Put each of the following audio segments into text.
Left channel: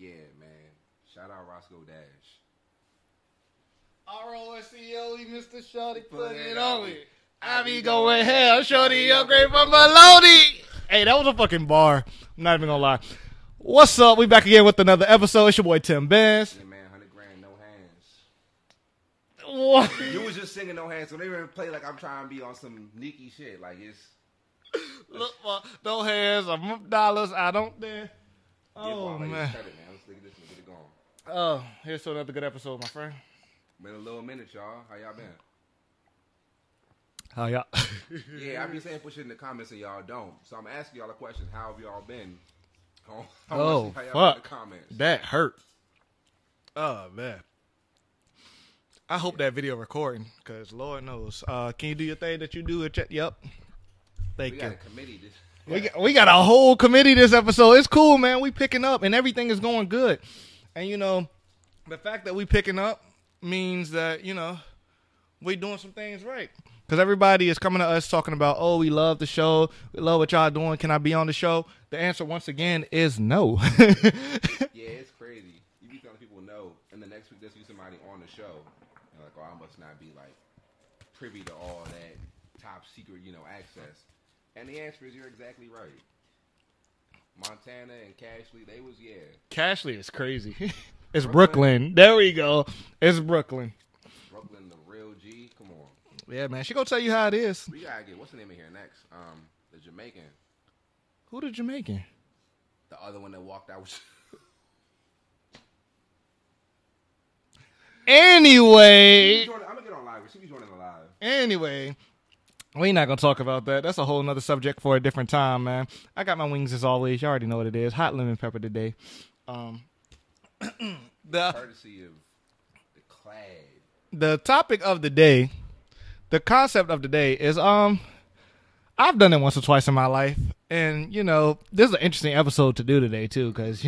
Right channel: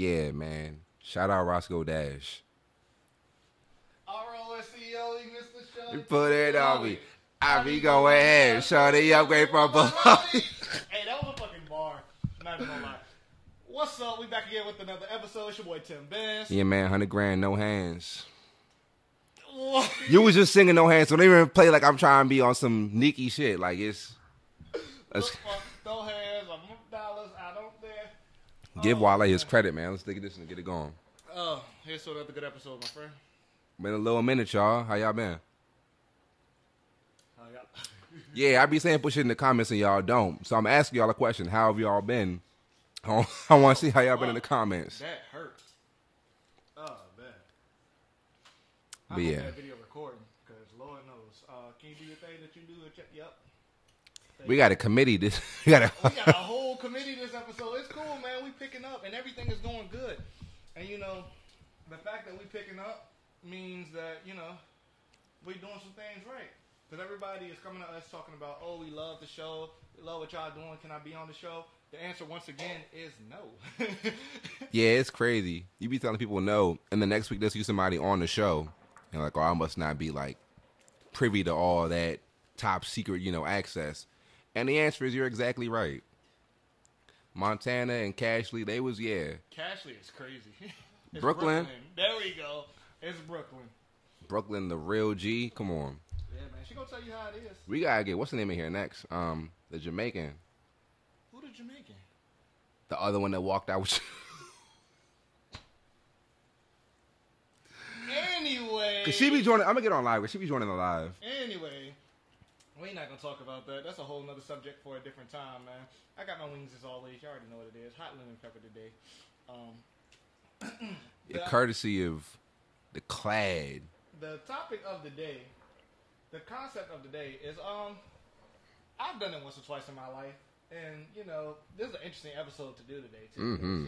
yeah, man. Shout out Roscoe Dash. R-O-S-C-O-E, Mr. Shorty. Put it on me. I be going going ham. ham. Shorty upgrade from Maloney. Hey, that was a fucking bar. I'm not even gonna lie. What's up? We back again with another episode. It's your boy Tim Benz. Yeah, man. 100 grand, no hands. What? You was just singing no hands, so don't even play like I'm trying to be on some Nicki shit. Like it's No hands, dollars. I don't dare. give Wale his credit, man. Let's take this and get it going. Oh, here's to another good episode, my friend. Been a little minute, y'all. How y'all been? How y'all? Yeah, I be saying put shit in the comments and y'all don't. So I'm asking y'all a question. How have y'all been? I want to see how y'all been in the comments. That hurt. Oh, man. I hope Yeah. that video recording, because Lord knows. Can you do your thing that you do? Yep. We got a committee. This We got a whole committee this episode. It's cool, man. We picking up, and everything is going good. And, you know, the fact that we picking up means that, you know, we doing some things right. Because everybody is coming to us talking about, oh, we love the show. We love what y'all doing. Can I be on the show? The answer, once again, is no. Yeah, it's crazy. You be telling people no, and the next week they'll see somebody on the show, and like, oh, I must not be like privy to all that top secret, access. And the answer is you're exactly right. Montana and Cashley, they was Cashley is crazy. It's Brooklyn. Brooklyn. There we go. It's Brooklyn. Brooklyn, the real G. Come on, Yeah, man. She gonna tell you how it is. we gotta get what's the name in here next? The Jamaican, Who the Jamaican? the other one that walked out with. Anyway. I'm gonna get on live. She be joining the live. Anyway. We not gonna talk about that. That's a whole nother subject for a different time, man. I got my wings as always. You already know what it is. Hot lemon pepper today. Courtesy of the Clad. The topic of the day, the concept of the day is I've done it once or twice in my life, and this is an interesting episode to do today too, because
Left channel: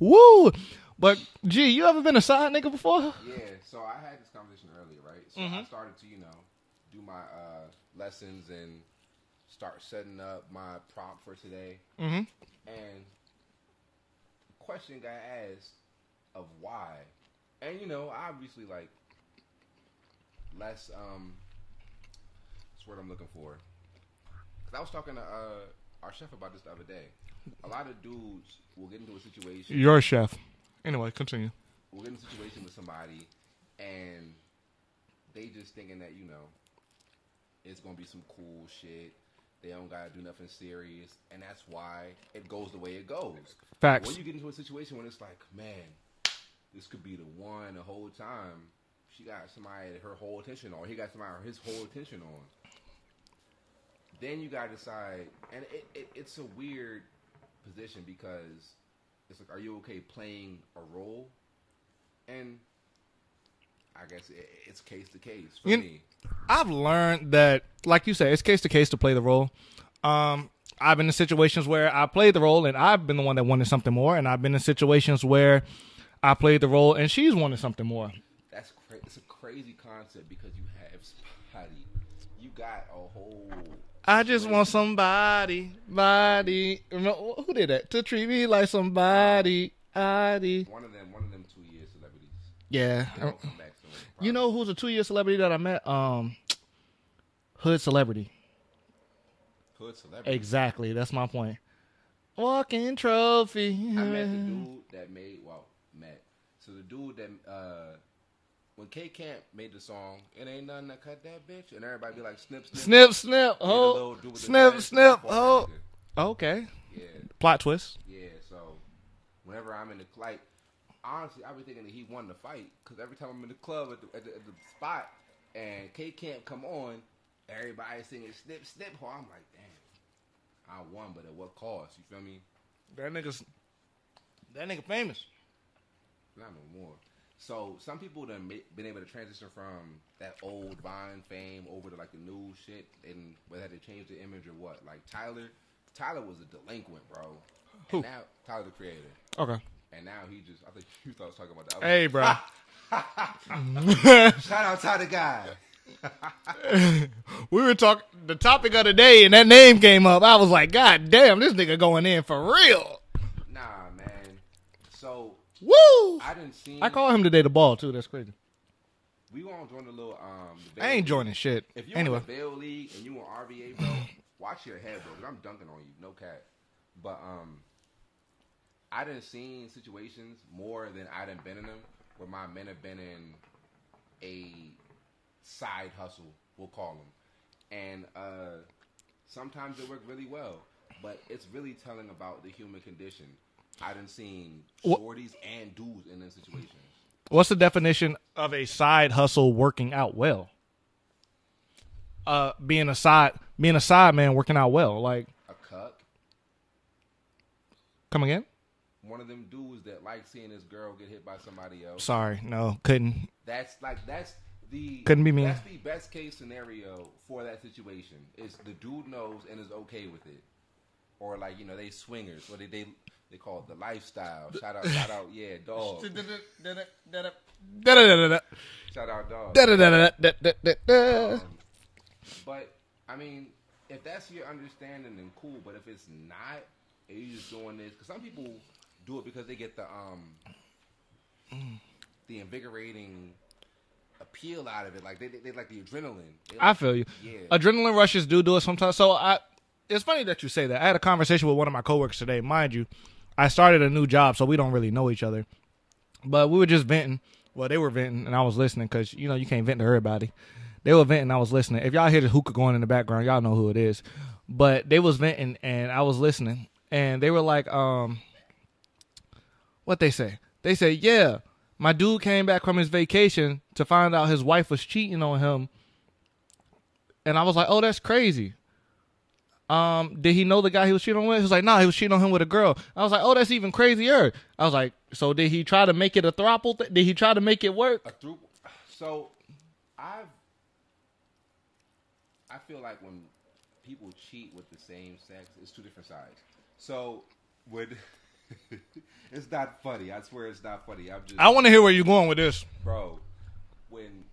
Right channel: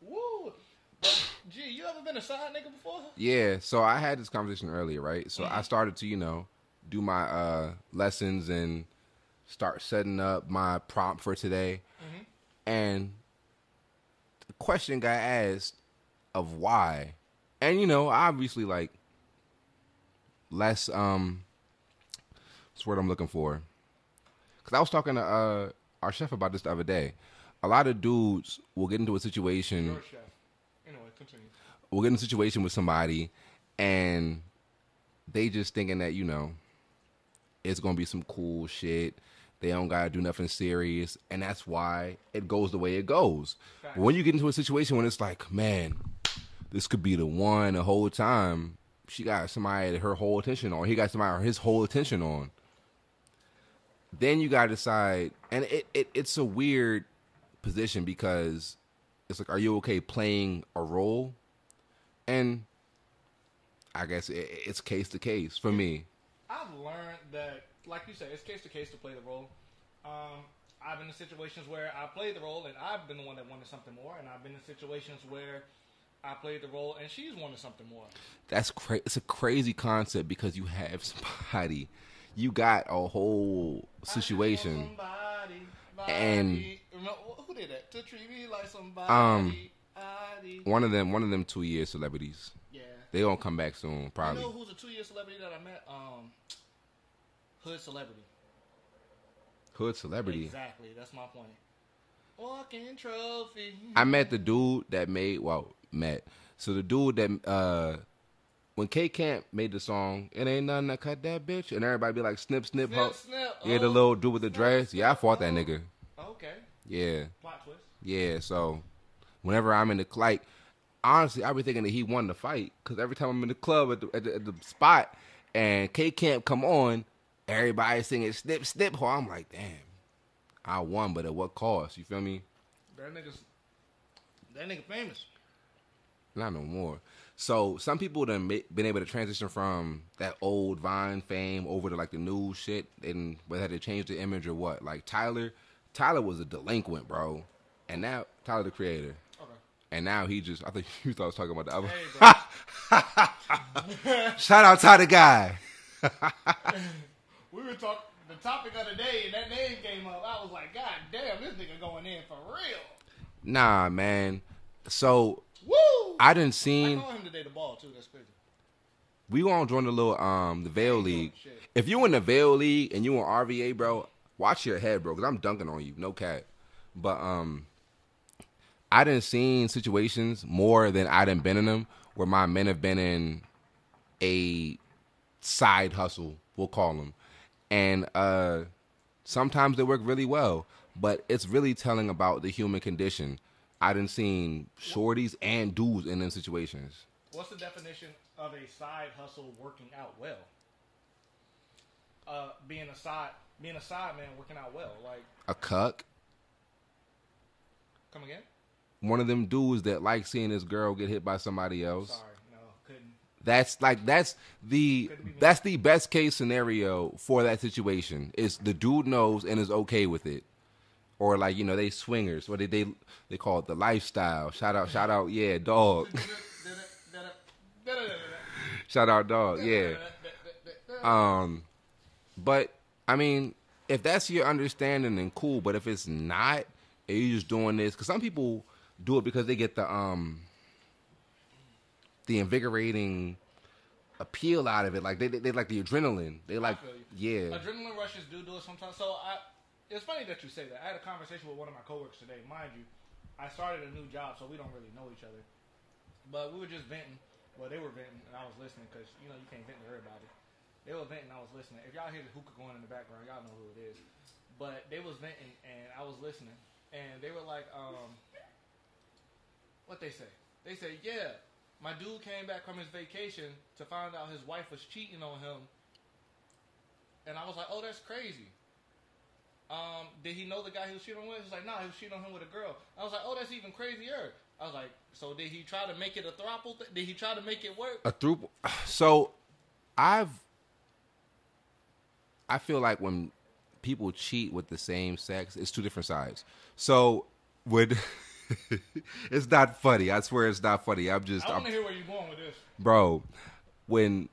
woo. But gee, you ever been a side nigga before? Yeah, so I had this conversation earlier, right? So I started to, do my lessons and start setting up my prompt for today. Mm-hmm. And the question got asked of why. And, obviously, like, less, what's the word I'm looking for? Because I was talking to our chef about this the other day. A lot of dudes will get into a situation. You're a chef. Anyway, continue. We'll get in a situation with somebody, and they just thinking that, it's going to be some cool shit. They don't got to do nothing serious, and that's why it goes the way it goes. Facts. When you get into a situation when it's like, man, this could be the one the whole time, she got somebody her whole attention on, he got somebody his whole attention on, then you got to decide, and it's a weird position because it's like, are you okay playing a role? And I guess it's case to case for me. I've learned that, like you said, it's case to case to play the role. I've been in situations where I played the role and I've been the one that wanted something more, and I've been in situations where I played the role and she's wanted something more. That's It's a crazy concept because you have somebody, you got a whole situation. I just want somebody, who did that? To treat me like somebody. One of them 2-year celebrities. Yeah, they gonna come back soon. Probably. You know who's a 2-year celebrity that I met? Hood celebrity. Hood celebrity. Exactly. That's my point. Walking trophy. I met the dude that So the dude that when K Camp made the song, it ain't nothing that cut that bitch, and everybody be like snip snip snip snip. Yeah, the little dude with the snip, dress. snip, Yeah, I fought that nigga. Okay. Yeah. Plot twist. Yeah. So whenever I'm in the honestly, I be thinking that he won the fight because every time I'm in the club at the spot and K Camp come on, everybody singing snip snip. I'm like, damn, I won, but at what cost? You feel me? That nigga famous. Not no more. So some people done been able to transition from that old Vine fame over to like the new shit, and whether they changed the image or what. Like Tyler was a delinquent, bro, and now Tyler the Creator. Okay. And now he just, I think you thought I was talking about the other. Hey, bro. Shout out Tyler Guy. We were talking, the topic of the day, and that name came up. I was like, God damn, this nigga going in for real. Nah, man. So Woo! I didn't see. I called him today the ball too. That's crazy. We gonna join the little the Vail I ain't League. joining shit. If you in the Vail League and you in RVA, bro, watch your head, bro, because I'm dunking on you, no cat. But I done seen situations more than I done been in them where my men have been in a side hustle, we'll call them, and sometimes they work really well, but it's really telling about the human condition. I done seen shorties and dudes in them situations. What's the definition of a side hustle working out well? Being a side man working out well, like A cuck. Come again? One of them dudes that like seeing this girl get hit by somebody else. Sorry, no, couldn't. Couldn't be me. That's the best case scenario for that situation. Is the dude knows and is okay with it, or like they swingers. What they call it, the lifestyle. Shout out, yeah, dog. Shout out, dog. Yeah. But I mean, if that's your understanding, then cool. But if it's not, and you're just doing this, because some people do it because they get the invigorating appeal out of it. Like they like the adrenaline. I feel you. Yeah. Adrenaline rushes do it sometimes. So it's funny that you say that. I had a conversation with one of my coworkers today. Mind you, I started a new job, so we don't really know each other. But we were just venting. Well, they were venting, and I was listening because, you can't vent to everybody. They were venting, I was listening. If y'all hear the hookah going in the background, y'all know who it is. But they was venting, and I was listening. And they were like, what they say? They say, yeah, my dude came back from his vacation to find out his wife was cheating on him. And I was like, oh, that's crazy. Did he know the guy he was cheating on with? He was like, nah, he was cheating on him with a girl. I was like, oh, that's even crazier. I was like, so did he try to make it a throuple? Did he try to make it work? A throuple. So I feel like when people cheat with the same sex, it's two different sides. So it's not funny. I swear it's not funny. I want to hear where you're going with this. Bro, when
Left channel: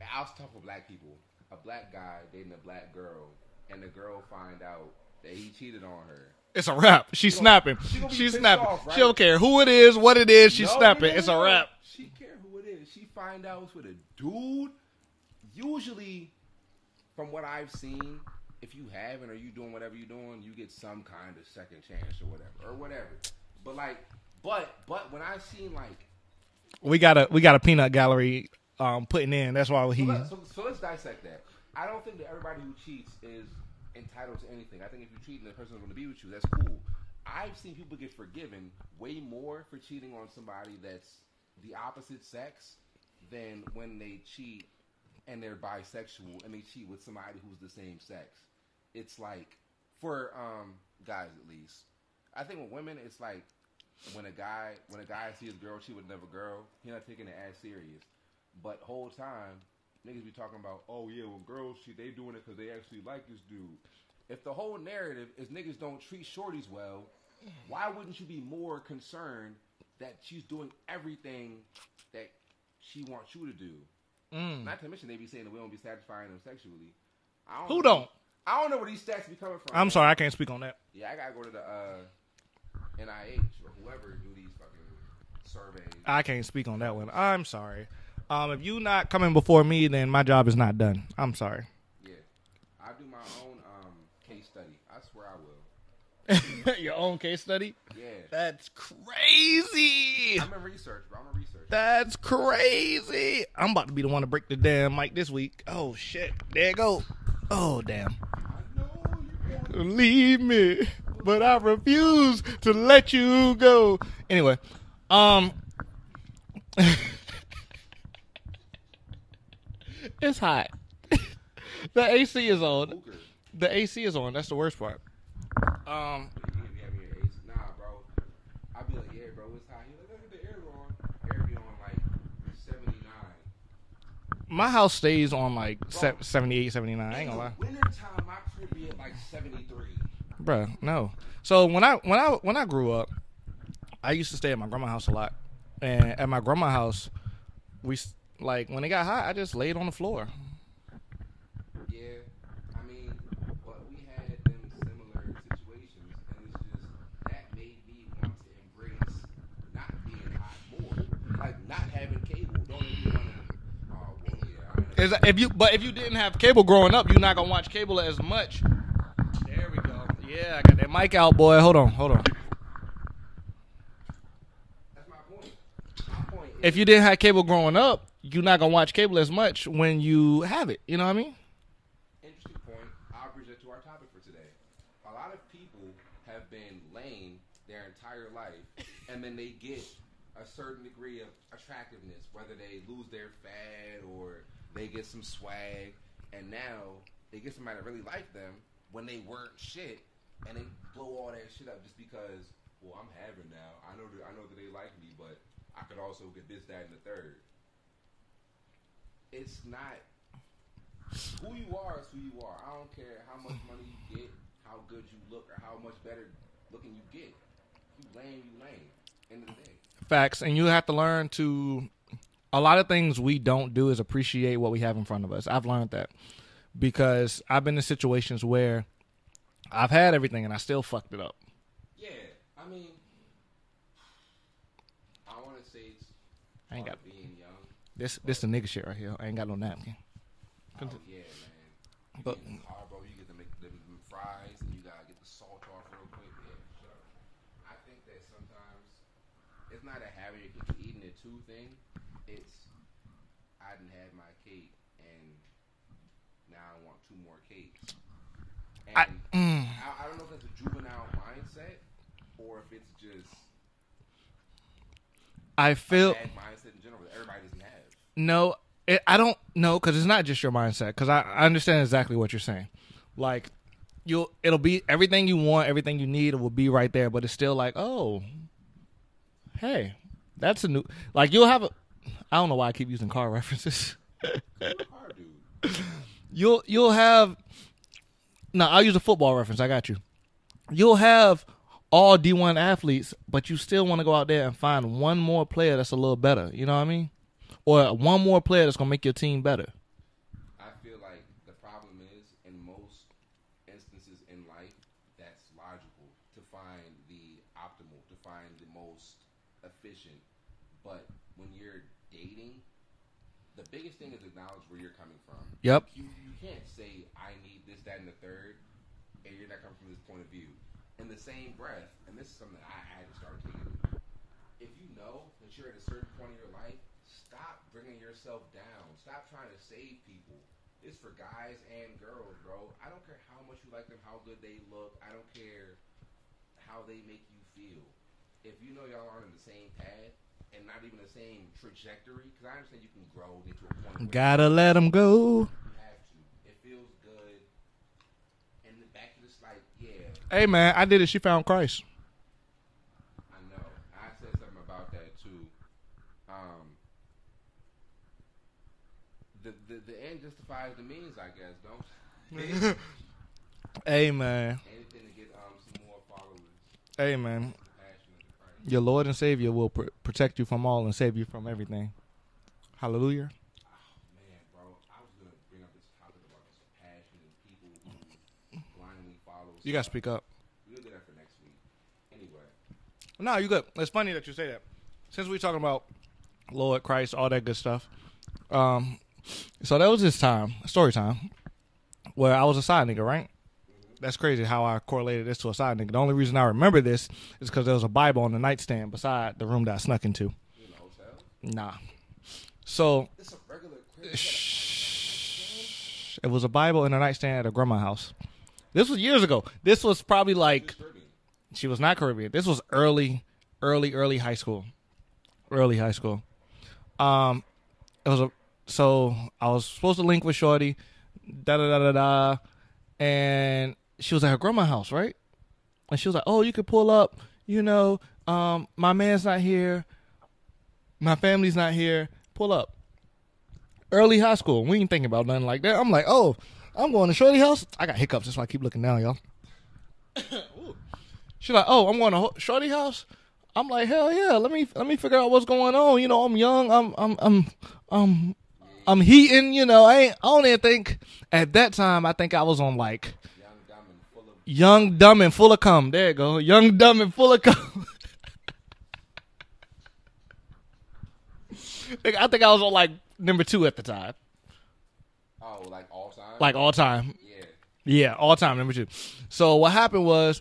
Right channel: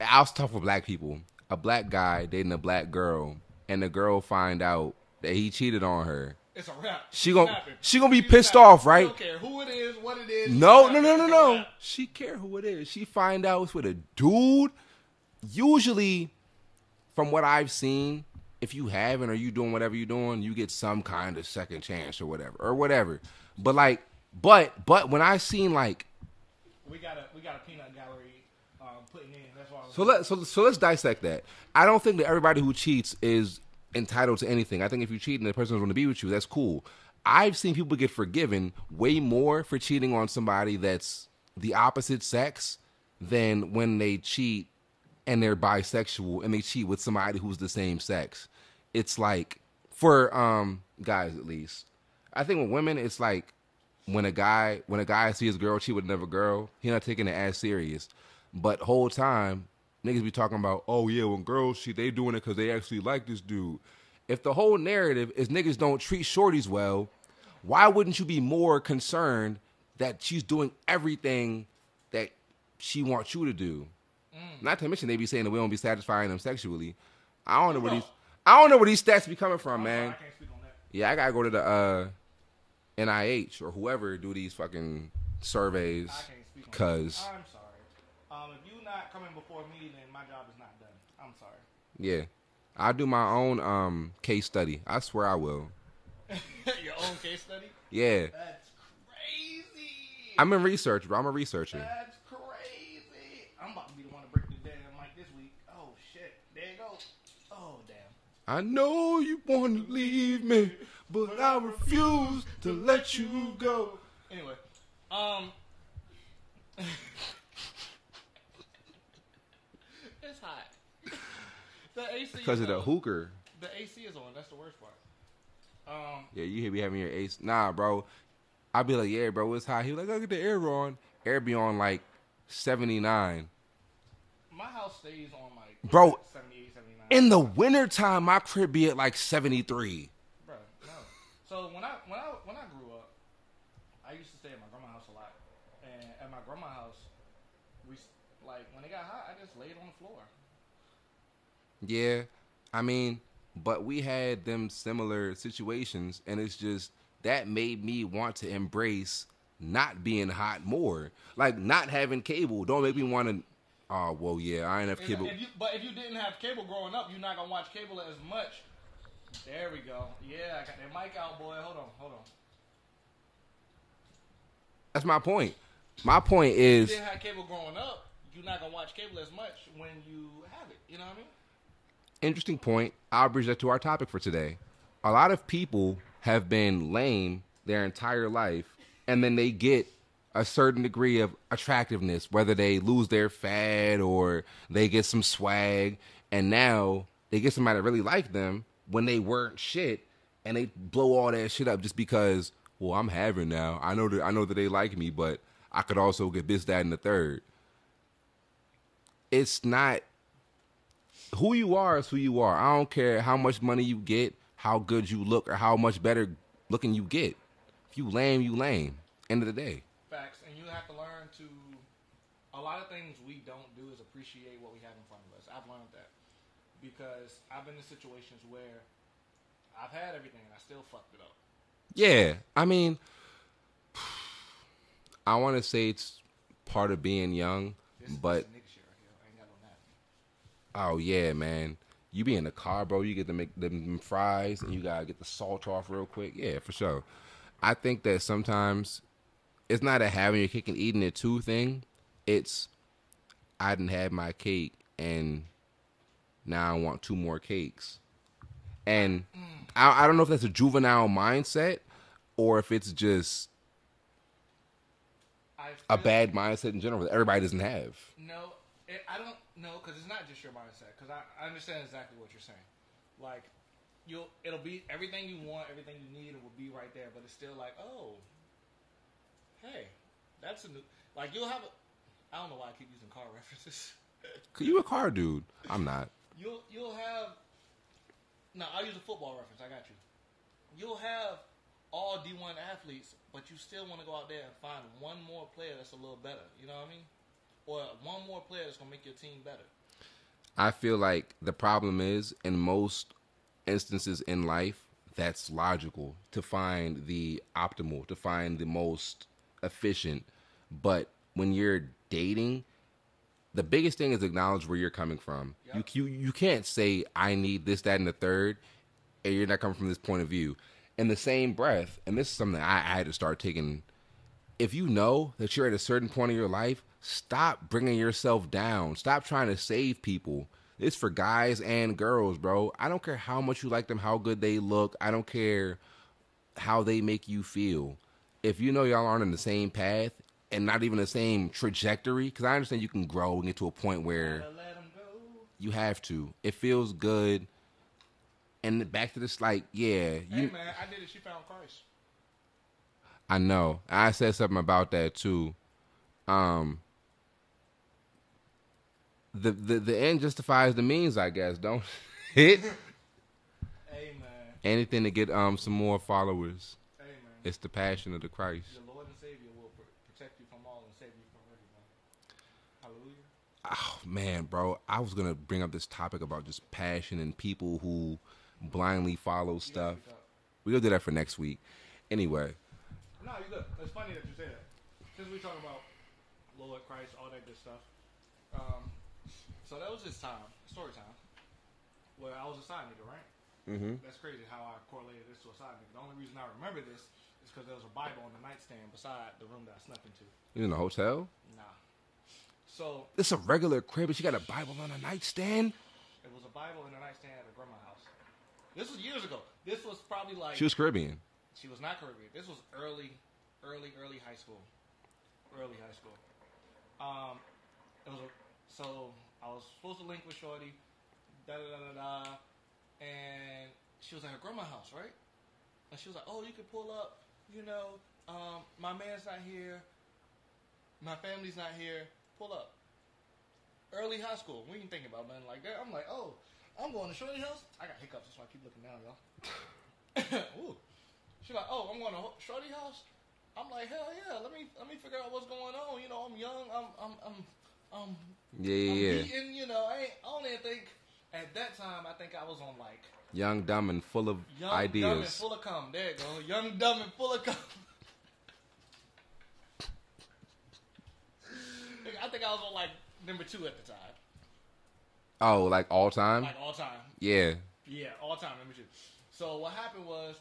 I'll talk with black people, a black guy dating a black girl, and the girl find out that he cheated on her. It's a wrap. She's snapping. She gonna be pissed off, right? She don't care who it is, what it is. She's snapping. It's a wrap. She care who it is. She find out it's with a dude. Usually, from what I've seen, if you haven't or you doing whatever you're doing, you get some kind of second chance or whatever. But but when I seen like, we got a peanut gallery putting in. That's why so let's dissect that. I don't think that everybody who cheats is entitled to anything. I think if you cheat and the person doesn't want to be with you, that's cool. I've seen people get forgiven way more for cheating on somebody that's the opposite sex than when they cheat and they're bisexual and they cheat with somebody who's the same sex. It's like, for guys at least, I think with women, it's like when a guy sees his girl cheat with another girl, he not taking it as serious. But whole time, niggas be talking about, oh yeah, when girls cheat, they doing it because they actually like this dude. If the whole narrative is niggas don't treat shorties well, why wouldn't you be more concerned that she's doing everything that she wants you to do? Not to mention they be saying that we don't be satisfying them sexually. I don't know where these stats be coming from. I'm sorry, I can't speak on that. Yeah, I gotta go to the NIH or whoever do these fucking surveys. I can't speak on that one. I'm sorry. If you not coming before me, then my job is not done. I'm sorry. Yeah, I'll do my own case study. I swear I will. Your own case study? Yeah. That's crazy. I'm in research, bro. I'm a researcher. That's crazy. I'm about to be the one to break the damn mic this week. Oh, shit. There it go. Oh, damn. I know you want to leave me, but I refuse to let you go. Anyway, it's hot. The AC is on. Hooker. The AC is on. That's the worst part. Yeah, you be having your AC. Nah, bro. I'll be like, yeah, bro, it's hot. He was like, I'll get the air on. Air be on like 79. My house stays on like 78, 79. In the wintertime, my crib be at like 73. Bruh, no. So when I grew up, I used to stay at my grandma's house a lot. And at my grandma's house, we like when it got hot, I just laid on the floor. Yeah, I mean, but we had them similar situations, and it's just that made me want to embrace not being hot more. Like, not having cable don't make me want to. Oh well, yeah, I ain't have cable. If you didn't have cable growing up, you're not gonna watch cable as much. There we go. Yeah, I got that mic out, boy. Hold on. That's my point. My point is, if you didn't have cable growing up, you're not gonna watch cable as much when you have it. You know what I mean? Interesting point. I'll bridge that to our topic for today. A lot of people have been lame their entire life, and then they get a certain degree of attractiveness, whether they lose their fad or they get some swag, and now they get somebody that really like them when they weren't shit, and they blow all that shit up just because, well, I'm having now. I know that they like me, but I could also get this, that, and the third. It's not who you are is who you are. I don't care how much money you get, how good you look, or how much better looking you get. If you lame, you lame. End of the day. Facts. And you have to learn to, a lot of things we don't do is appreciate what we have in front of us. I've learned that because I've been in situations where I've had everything and I still fucked it up. Yeah. I mean, I want to say it's part of being young. This the nigga shit right here. I ain't got no napkin. Oh, yeah, man. You be in the car, bro. You get to make them fries and you got to get the salt off real quick. Yeah, for sure. I think that sometimes it's not a having your cake and eating it too thing. It's I didn't have my cake and now I want 2 more cakes. And I don't know if that's a juvenile mindset or if it's just a bad mindset in general that everybody doesn't have. No, I don't know because it's not just your mindset. Because I understand exactly what you're saying. Like it'll be everything you want, everything you need. It will be right there, but it's still like, oh, hey, that's a new. Like you'll have a. I don't know why I keep using car references. Cause you're a car dude. I'm not. You'll have. No, I'll use a football reference. I got you. You'll have all D1 athletes, but you still want to go out there and find one more player that's a little better. You know what I mean? Or one more player that's going to make your team better. I feel like the problem is, in most instances in life, that's logical to find the optimal, to find the most efficient. But when you're dating, the biggest thing is acknowledge where you're coming from. Yep. You can't say, I need this, that, and the third, and you're not coming from this point of view. In the same breath, and this is something I had to start taking, if you know that you're at a certain point in your life, stop bringing yourself down. Stop trying to save people. It's for guys and girls, bro. I don't care how much you like them, how good they look. I don't care how they make you feel. If you know y'all aren't in the same path and not even the same trajectory, because I understand you can grow and get to a point where gotta let them go. You have to. It feels good. And back to this, like, yeah. Hey, man, I did it. She found Christ. I know. I said something about that, too. The end justifies the means, I guess, don't it? Hey, man. Anything to get some more followers. Hey, man. It's the passion of the Christ. Your Lord and Savior will protect you from all and save you from everything. Hallelujah. Oh, man, bro. I was going to bring up this topic about just passion and people who blindly follow stuff. You got to speak up. We're going to do that for next week. Anyway. No, you good. It's funny that you say that. Since we're talking about Lord, Christ, all that good stuff. So that was this time, story time, where I was a side nigga, right? Mm-hmm. That's crazy how I correlated this to a side nigga. The only reason I remember this is because there was a Bible on the nightstand beside the room that I snuck into. You in a hotel? Nah. So it's a regular crib. You got a Bible on a nightstand? It was a Bible in a nightstand at a grandma's house. This was years ago. This was probably like... She was Caribbean. She was not Caribbean. This was early high school. Early high school. So I was supposed to link with Shorty, and she was at her grandma's house, right? And she was like, "Oh, you could pull up. You know, my man's not here. My family's not here. Pull up." Early high school. We ain't thinking about nothing like that. I'm like, "Oh, I'm going to Shorty house." I got hiccups. That's why I keep looking down, y'all. She's like, "Oh, I'm going to Shorty house." I'm like, "Hell yeah! Let me figure out what's going on. You know, I'm young. I'm heating. You know, I don't even think at that time. I think I was on like young, dumb, and full of young, ideas. Dumb, and full of cum. There you go. Young, dumb, and full of cum. I think I was on like number 2 at the time. Oh, like all time? Like all time. Yeah. Yeah, all time, number 2. So what happened was,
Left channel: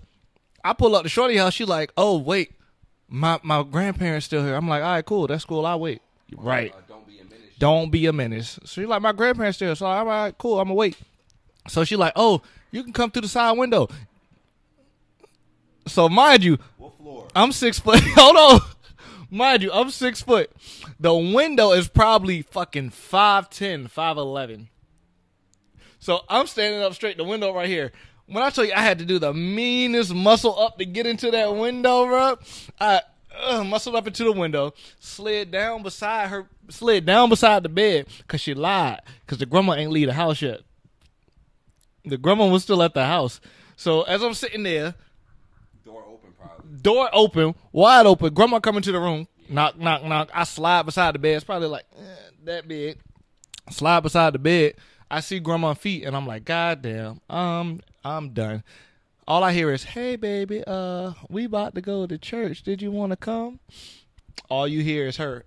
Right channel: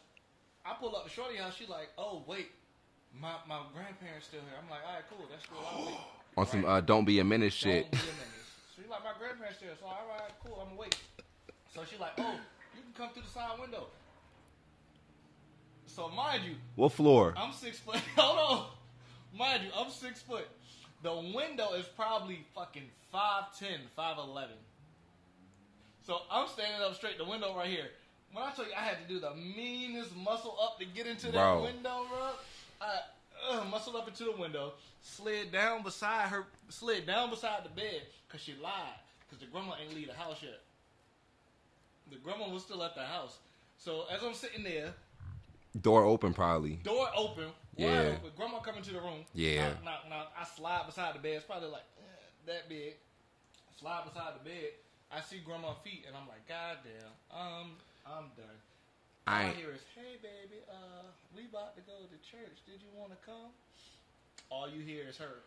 I pull up to shorty house. She like, oh wait, my grandparents still here. I'm like, all right, cool, that's cool. I'll wait. Right. Some, don't be a menace. Don't be a menace. So she's like, my grandparents still. So I'm like, cool, I'm gonna wait. So she like, oh, you can come through the side window. So mind you, what floor? I'm 6 foot. Hold on. Mind you, I'm 6 foot. The window is probably fucking 5'10", 5'11". So I'm standing up straight, the window right here. When I tell you I had to do the meanest muscle up to get into that window, bro, I muscled up into the window, slid down beside the bed, because she lied, because the grandma ain't leave the house yet. The grandma was still at the house. So as I'm sitting there, door open probably. Door open, wide open. Grandma coming to the room. Yeah. Knock, knock, knock. I slide beside the bed. It's probably like that big. Slide beside the bed. I see grandma's feet, and I'm like, God damn, I'm done. All I hear is, hey, baby, we about to go to church. Did you want to come? All you hear is her.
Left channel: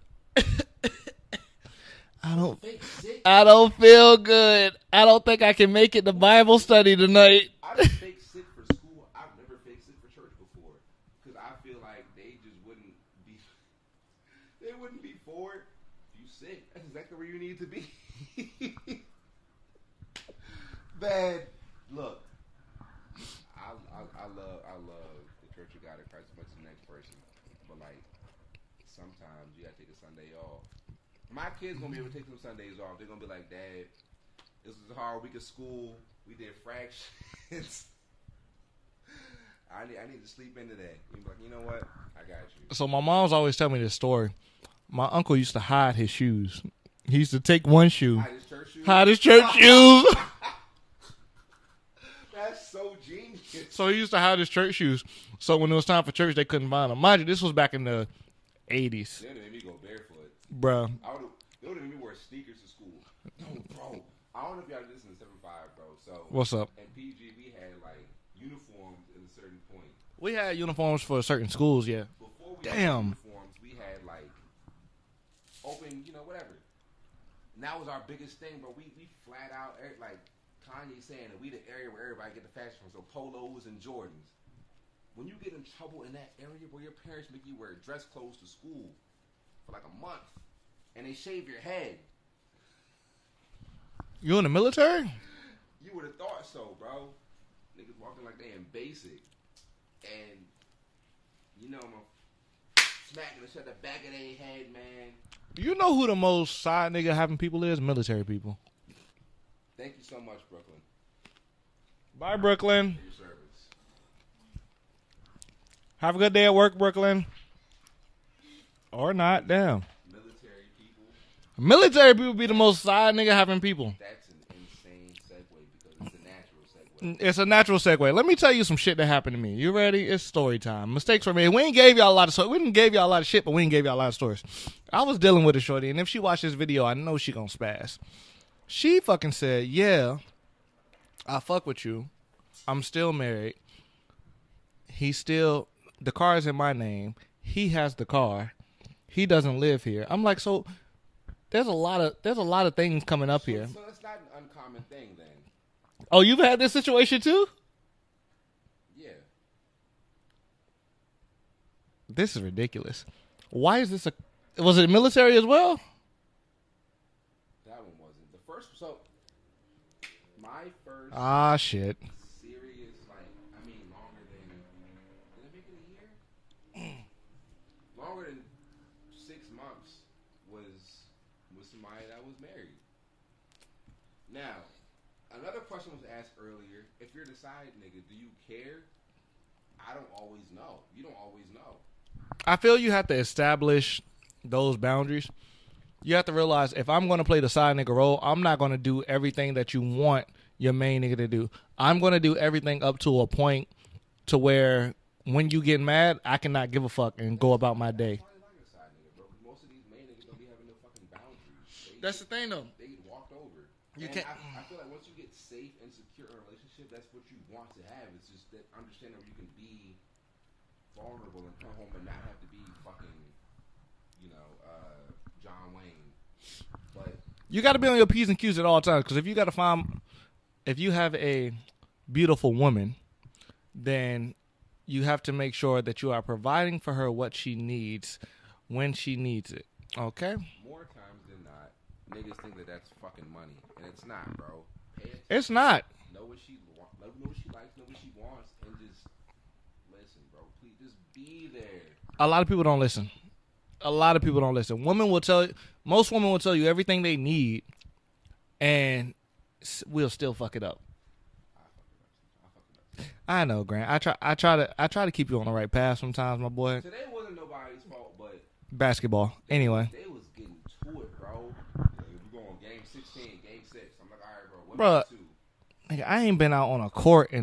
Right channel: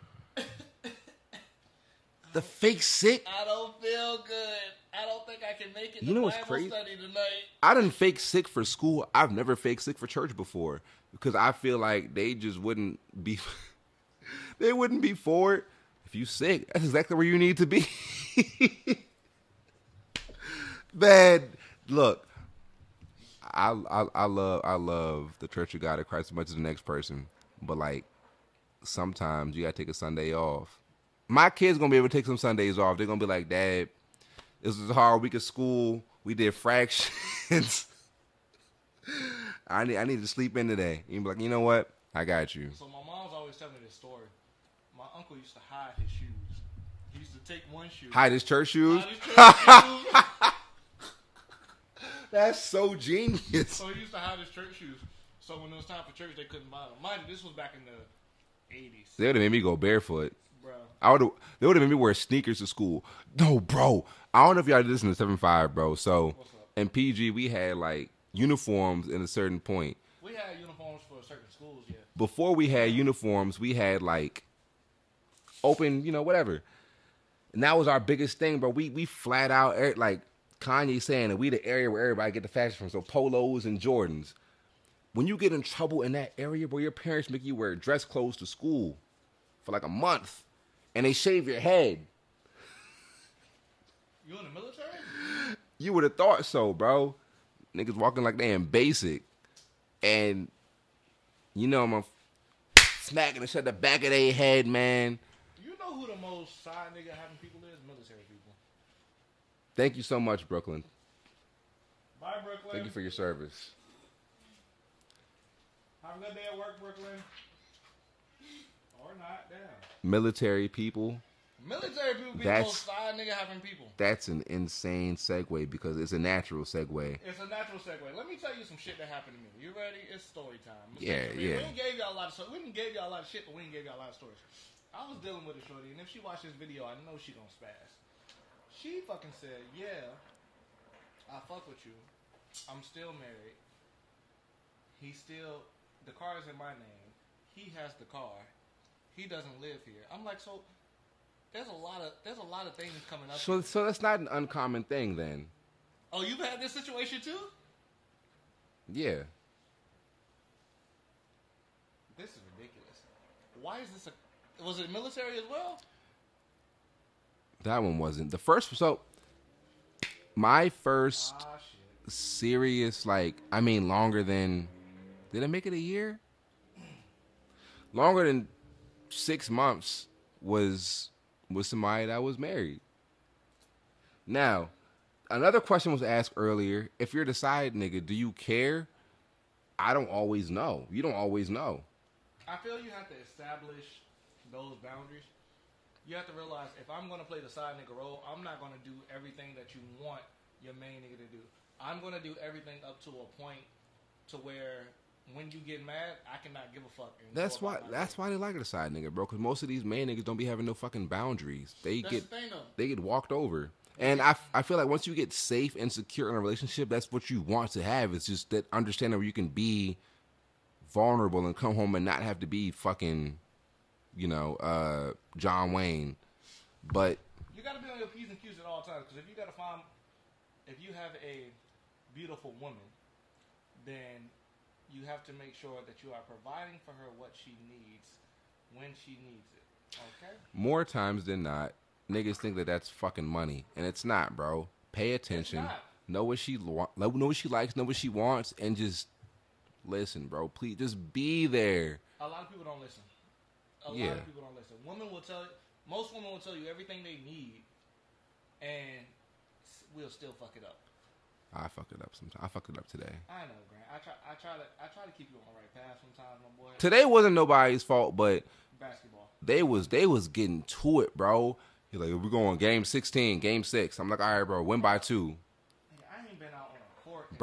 The fake sick? I don't feel good. I don't think I can make it to Bible study tonight. I didn't fake sick for school. I've never fake sick for church before, because I feel like they just wouldn't be they wouldn't be for it. If you sick, that's exactly where you need to be. Man, look, I love the Church of God of Christ as much as the next person, but like sometimes you gotta take a Sunday off. My kids gonna be able to take some Sundays off. They're gonna be like, Dad, this was a hard week of school. We did fractions. I need to sleep in today. You be like, you know what? I got you. So my mom's always telling me this story. My uncle used to hide his shoes. He used to take one shoe. Hide his church shoes? Hide his church shoes. That's so genius. So he used to hide his church shoes. So when it was time for church, they couldn't find them. Mind you, this was back in the 80s. They would have made me go barefoot. Bro. They would have made me wear sneakers to school. No, bro. I don't know if y'all did this in the 7-5, bro. So what's up? In PG, we had like uniforms at a certain point. We had uniforms for certain schools, yeah. Before we had uniforms, we had like open, whatever. And that was our biggest thing, bro. We flat out, like Kanye saying that we the area where everybody get the fashion from. So polos and Jordans. When you get in trouble in that area, bro, your parents make you wear dress clothes to school for like a month, and they shave your head. You in the military? You would have thought so, bro. Niggas walking like they in basic, and I'm smacking the shit at the back of their head, man. You know who the most side nigga having people is? Military people. Thank you so much, Brooklyn. Bye, Brooklyn. Thank you for your service. Have a good day at work, Brooklyn. Or not, damn. Military people. Military people be the most side nigga having people. That's an insane segue, because it's a natural segue. It's a natural segue. Let me tell you some shit that happened to me. You ready? It's story time. Mistakes were made. Yeah. We ain't gave y'all a lot of we didn't gave y'all a lot of shit, but we ain't gave y'all a lot of stories. I was dealing with a shorty, and if she watched this video, I know she gonna spaz. She fucking said, yeah, I fuck with you. I'm still married. The car is in my name. He has the car. He doesn't live here. I'm like, so there's a lot of things coming up here. So that's not an uncommon thing then. Oh, you've had this situation too? Yeah. This is ridiculous. Why is this was it military as well? That one wasn't. The first, so my first shit. serious, longer than, did I make it a year? Longer than 6 months was somebody that was married. Now, another question was asked earlier. If you're the side nigga, do you care? I don't always know. You don't always know. I feel you have to establish those boundaries. You have to realize, if I'm going to play the side nigga role, I'm not going to do everything that you want your main nigga to do. I'm going to do everything up to a point to where when you get mad, I cannot give a fuck and go about my day. That's why they like the side nigga, bro, because most of these main niggas don't be having no fucking boundaries. That's the thing, though. They get walked over. And I feel like once you get safe and secure in a relationship, that's what you want to have. It's just that understanding where you can be vulnerable and come home and not have to be fucking John Wayne. But you got to be on your P's and Q's at all times, because if you have a beautiful woman, then you have to make sure that you are providing for her what she needs when she needs it. Okay? More times than not, niggas think that that's fucking money, and it's not, bro. Pay attention. It's not. Know what she know what she likes, know what she wants, and just listen, bro. Please, just be there. A lot of people don't listen. A lot of people don't listen. Most women will tell you everything they need, and we'll still fuck it up. I fuck it up sometimes. I fucked it up today. I know, Grant. I try to keep you on the right path sometimes, my boy. Today wasn't nobody's fault, but basketball. They was getting to it, bro. You're like, we're going game 16, game 6. I'm like, all right, bro, win by 2. Nigga, I ain't been out on a court in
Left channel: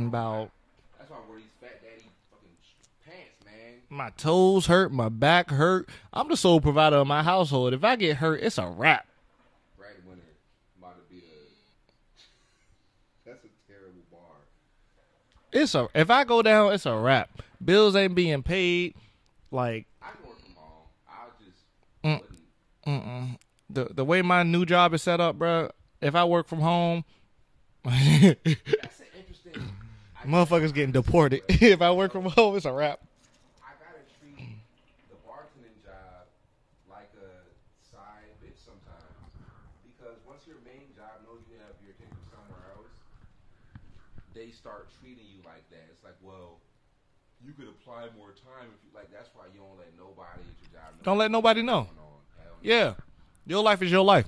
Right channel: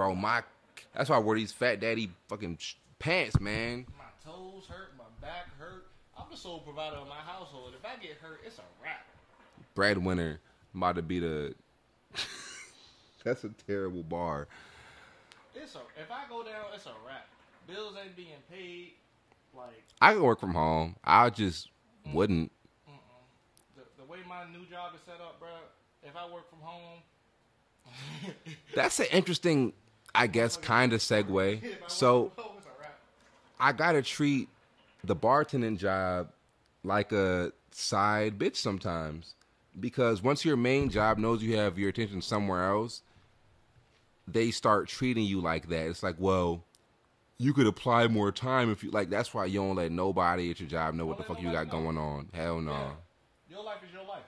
that's why I wear these fat daddy fucking pants, man. My toes hurt, my back hurt. I'm the sole provider of my household. If I get hurt, it's a wrap. Breadwinner, I'm about to be the. That's a terrible bar. If I go down, it's a wrap. Bills ain't being paid. Like, I could work from home. I just wouldn't. The way my new job is set up, bro. If I work from home, that's an interesting. I guess kind of segue. If I work from home, it's a wrap. I gotta treat the bartending job like a side bitch sometimes, because once your main job knows you have your attention somewhere else, they start treating you like that. It's like, well, you could apply more time if you like. That's why you don't let nobody at your job know. Don't let nobody know. Going on. Hell no. Yeah, your life is your life.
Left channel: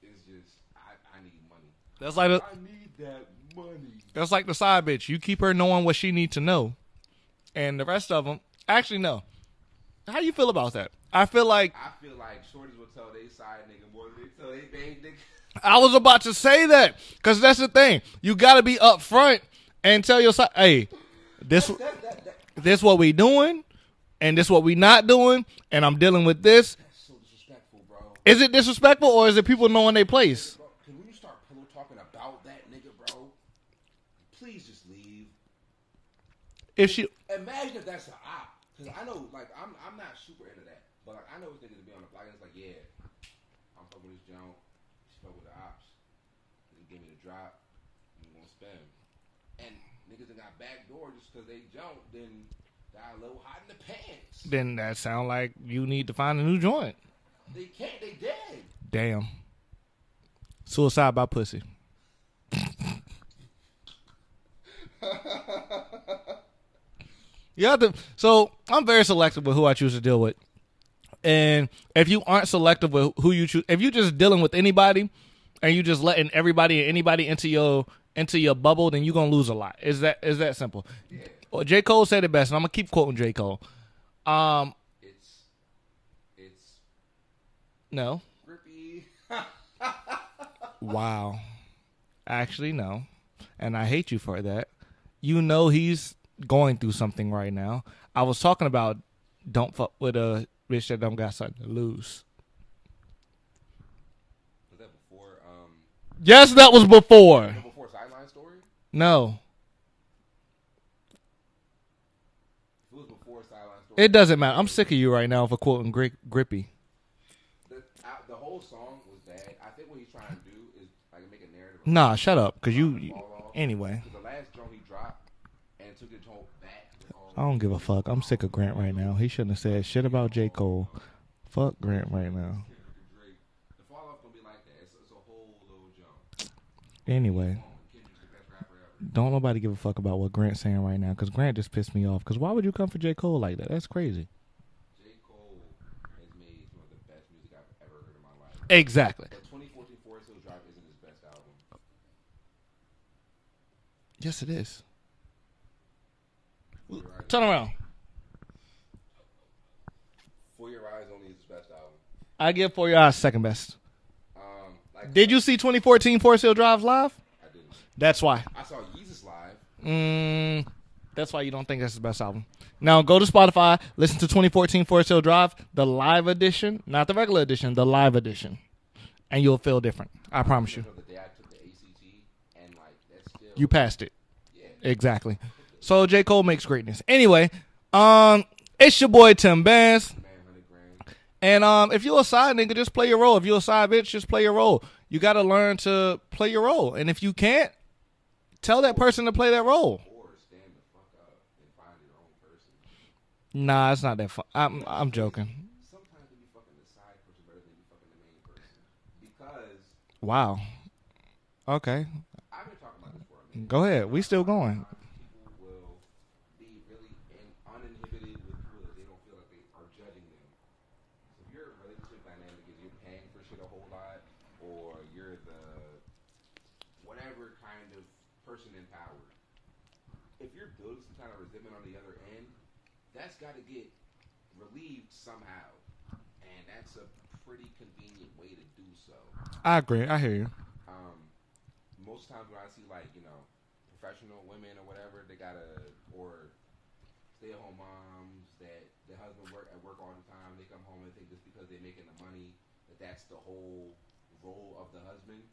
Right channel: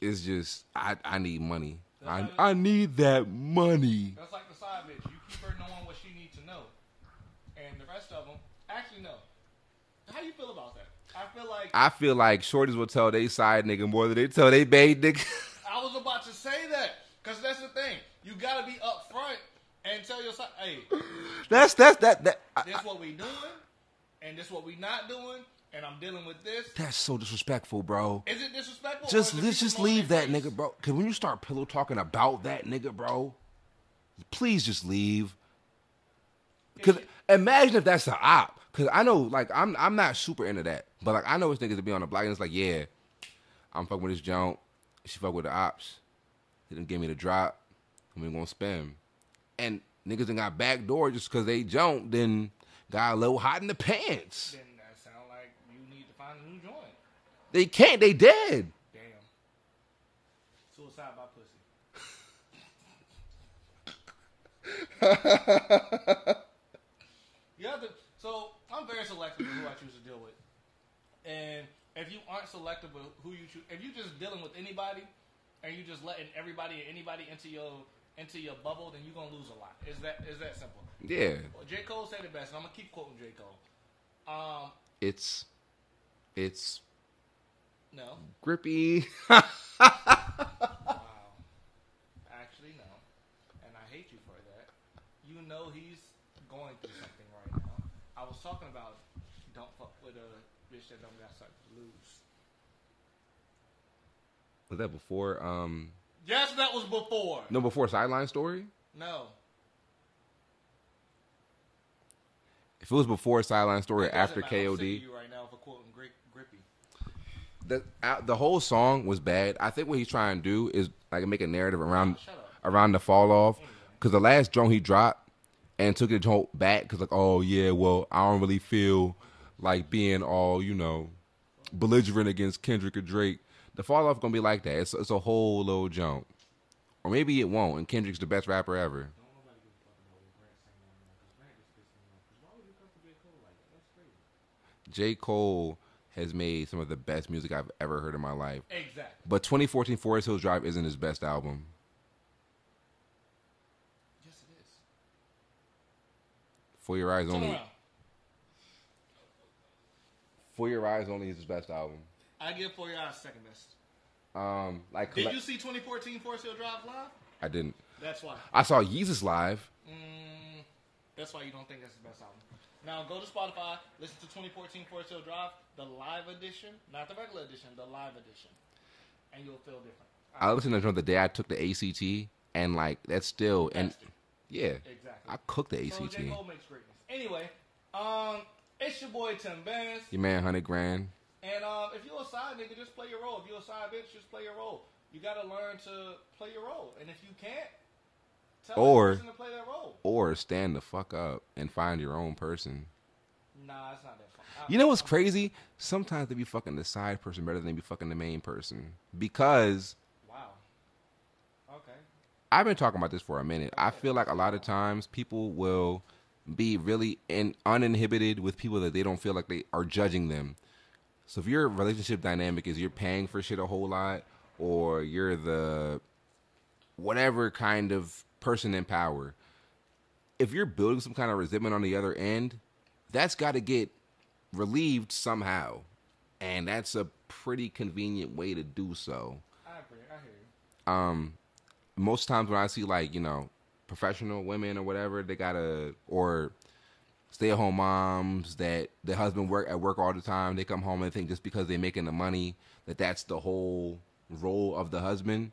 It's just I need money. I need that money. That's like the side bitch. You keep her knowing what she needs to know, and the rest of them actually know. How you feel about that? I feel like shorties will tell they side nigga more than they tell they bae nigga. I was about to say that, because that's the thing. You got to be upfront and tell your side, hey, this what we doing, and this what we not doing, and I'm dealing with this. That's so disrespectful, bro. Is it disrespectful, or is it people knowing their place? Nigga, bro. Because when you start pillow talking about that nigga, bro, please just leave. Imagine if that's an op. Because I know, like, I'm not super into that. But, like, I know it's niggas to be on the block, and it's like, yeah, I'm fucking with this junk. She fuck with the ops. They didn't give me the drop. I'm going to spam. And niggas done got back door just because they jumped, then got a little hot in the pants. Then that sound like you need to find a new joint. They can't. They dead. Damn. Suicide by pussy. You have to. So I'm very selective with who I choose to deal with. And if you aren't selective with who you choose, if you're just dealing with anybody and you just letting everybody and anybody into your bubble, then you're gonna lose a lot. Is that simple? Yeah. Well, J. Cole said it best, and I'm gonna keep quoting J. Cole. It's no grippy. Wow. Actually, no. And I hate you for that. You know he's going through something right now. I was talking about don't fuck with a bitch that don't got something to lose. Was that before? Yes, that was before. No, before Sideline story? No. If it was before Sideline story, it doesn't matter. KOD, I'm sick of you right now for quoting Grippy. The whole song was bad. I think what he's trying to do is like make a narrative around. Nah, shut up. Around the fall off. Anyway, because the last drone he dropped and took it back because like, oh yeah, well I don't really feel right he shouldn't have said like shit being about all J. Cole. Belligerent against Kendrick or Drake. The fall off gonna be like that. It's a whole little jump. Or maybe it won't. And Kendrick's the best rapper ever. Don't nobody give a fuck about what Grant's saying right now, because Grant just pissed me off. Because why would you come for J. Cole like that? That's crazy. J. Cole has made some of the best music I've ever heard in my life. Exactly. But 2014 Forest Hills Drive isn't his best album. Yes, it is. For Your Eyes Turn Only. around. For Your Eyes Only is his best album. I give For Your Eyes second best. Did you see 2014 Forest Hill Drive live? I didn't. That's why. I saw Yeezus live. That's why you don't think that's his best album. Now go to Spotify, listen to 2014 Forest Hill Drive, the live edition, not the regular edition, the live edition, and you'll feel different. I promise you. The day I took the ACT, and like that's still you passed it. Yeah, exactly. I cooked the ACT. So J. Cole makes greatness. Anyway, It's your boy Tim Bands. Your man, 100 grand. And if you're a side nigga, just play your role. If you're a side bitch, just play your role. You got to learn to play your role. And if you can't, tell that person to play that role. Or stand the fuck up and find your own person. Nah, it's not that fun. You know what's crazy? Joking. Sometimes they be fucking the side person better than they be fucking the main person. Because... Wow. Okay. I've been talking about this for a minute. Go ahead. I feel like a lot of times people will be really uninhibited with people that they don't feel like they are judging them. So if your relationship dynamic is you're paying for shit a whole lot, or you're the whatever kind of person in power, if you're building some kind of resentment on the other end, that's got to get relieved somehow. And that's a pretty convenient way to do so. I agree. I hear you. Most times when I see, like, you know, professional women or whatever, they gotta, or stay-at-home moms that the husband at work all the time, they come home and think just because they're making the money that that's the whole role of the husband.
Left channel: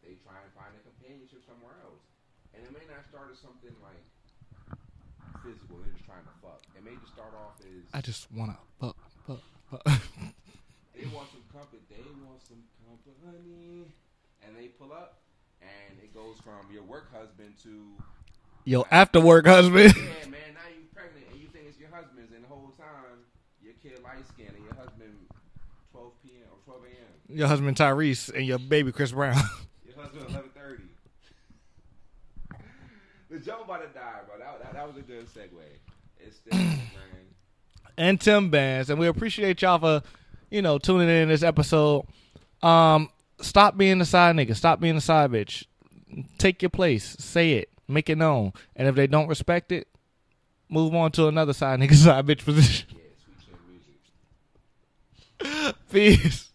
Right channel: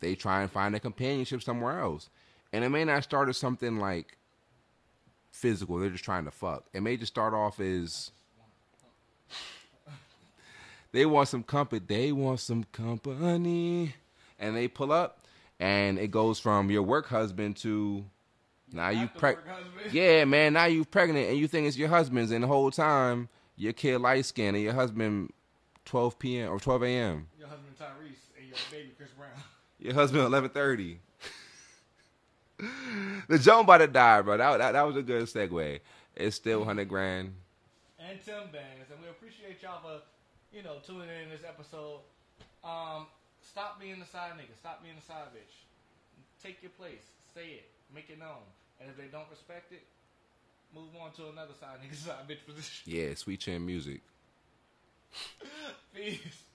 They try and find a companionship somewhere else. And it may not start as something like physical. They're just trying to fuck. It may just start off as... I just want to fuck. They want some company. They want some company. And they pull up. And it goes from your work husband to your after work husband. Yeah, man. Now you pregnant and you think it's your husband's, and the whole time your kid light skinned and your husband 12 p.m. or 12 a.m. Your husband Tyrese and your baby Chris Brown. Your husband 11:30. The joke about to die, bro. That was a good segue. It's still 100 grand. And Tim Bands, and we appreciate y'all for tuning in this episode. Stop being the side nigga. Stop being the side bitch. Take your place. Say it. Make it known. And if they don't respect it, move on to another side nigga, side bitch position. Yeah, sweet chin music. Peace.